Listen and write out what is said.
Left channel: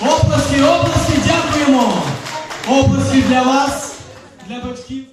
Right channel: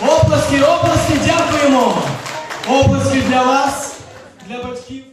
Оплески, оплески, дякуємо. Оплески для вас, для батьків.